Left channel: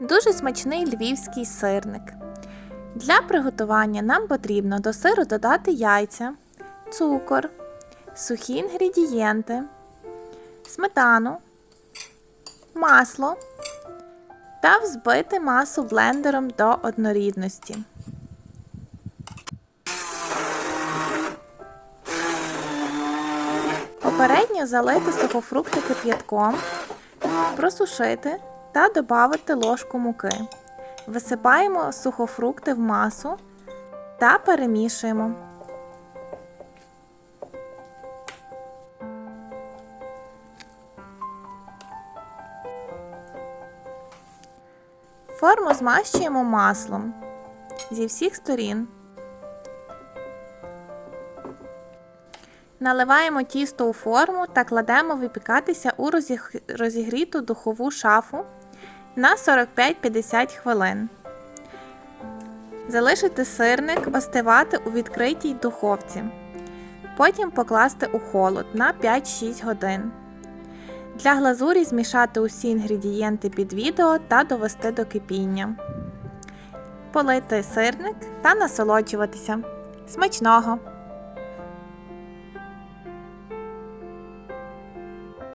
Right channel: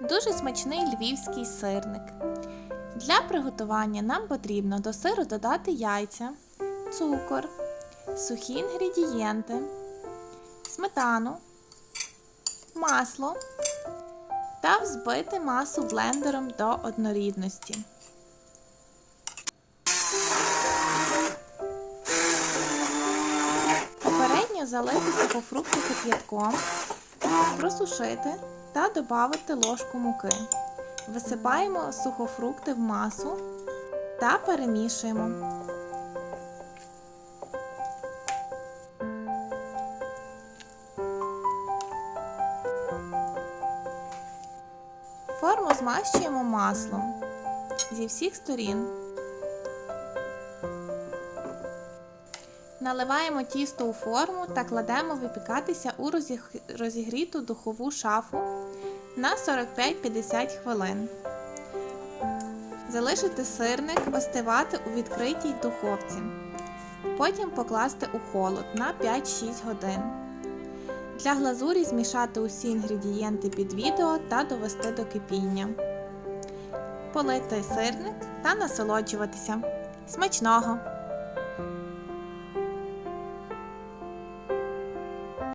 Дуже смачний львівський сирник. Для приготування нам потрібно до сиру додати яйця, цукор, сухі інгредієнти, сметану, масло та взбити масу блендером до однорідності. Попередньо залити сухофрукти кип'ятком, просушити та додати ложку муки. Висипаємо сухофрукти в масу та перемішуємо. Форму змащуємо маслом зі всіх сторін. Наливаємо тісто у форму та кладемо випікатися у розігріту духову шафу на 45-50 хвилин. Залишити сирник остивати у відкритій духовці. Потім покласти у холод на 5-6 годин. Для глазурі змішати усі інгредієнти під відео та довести до кипіння. Полити сирник та насолоджуватися. Смачного!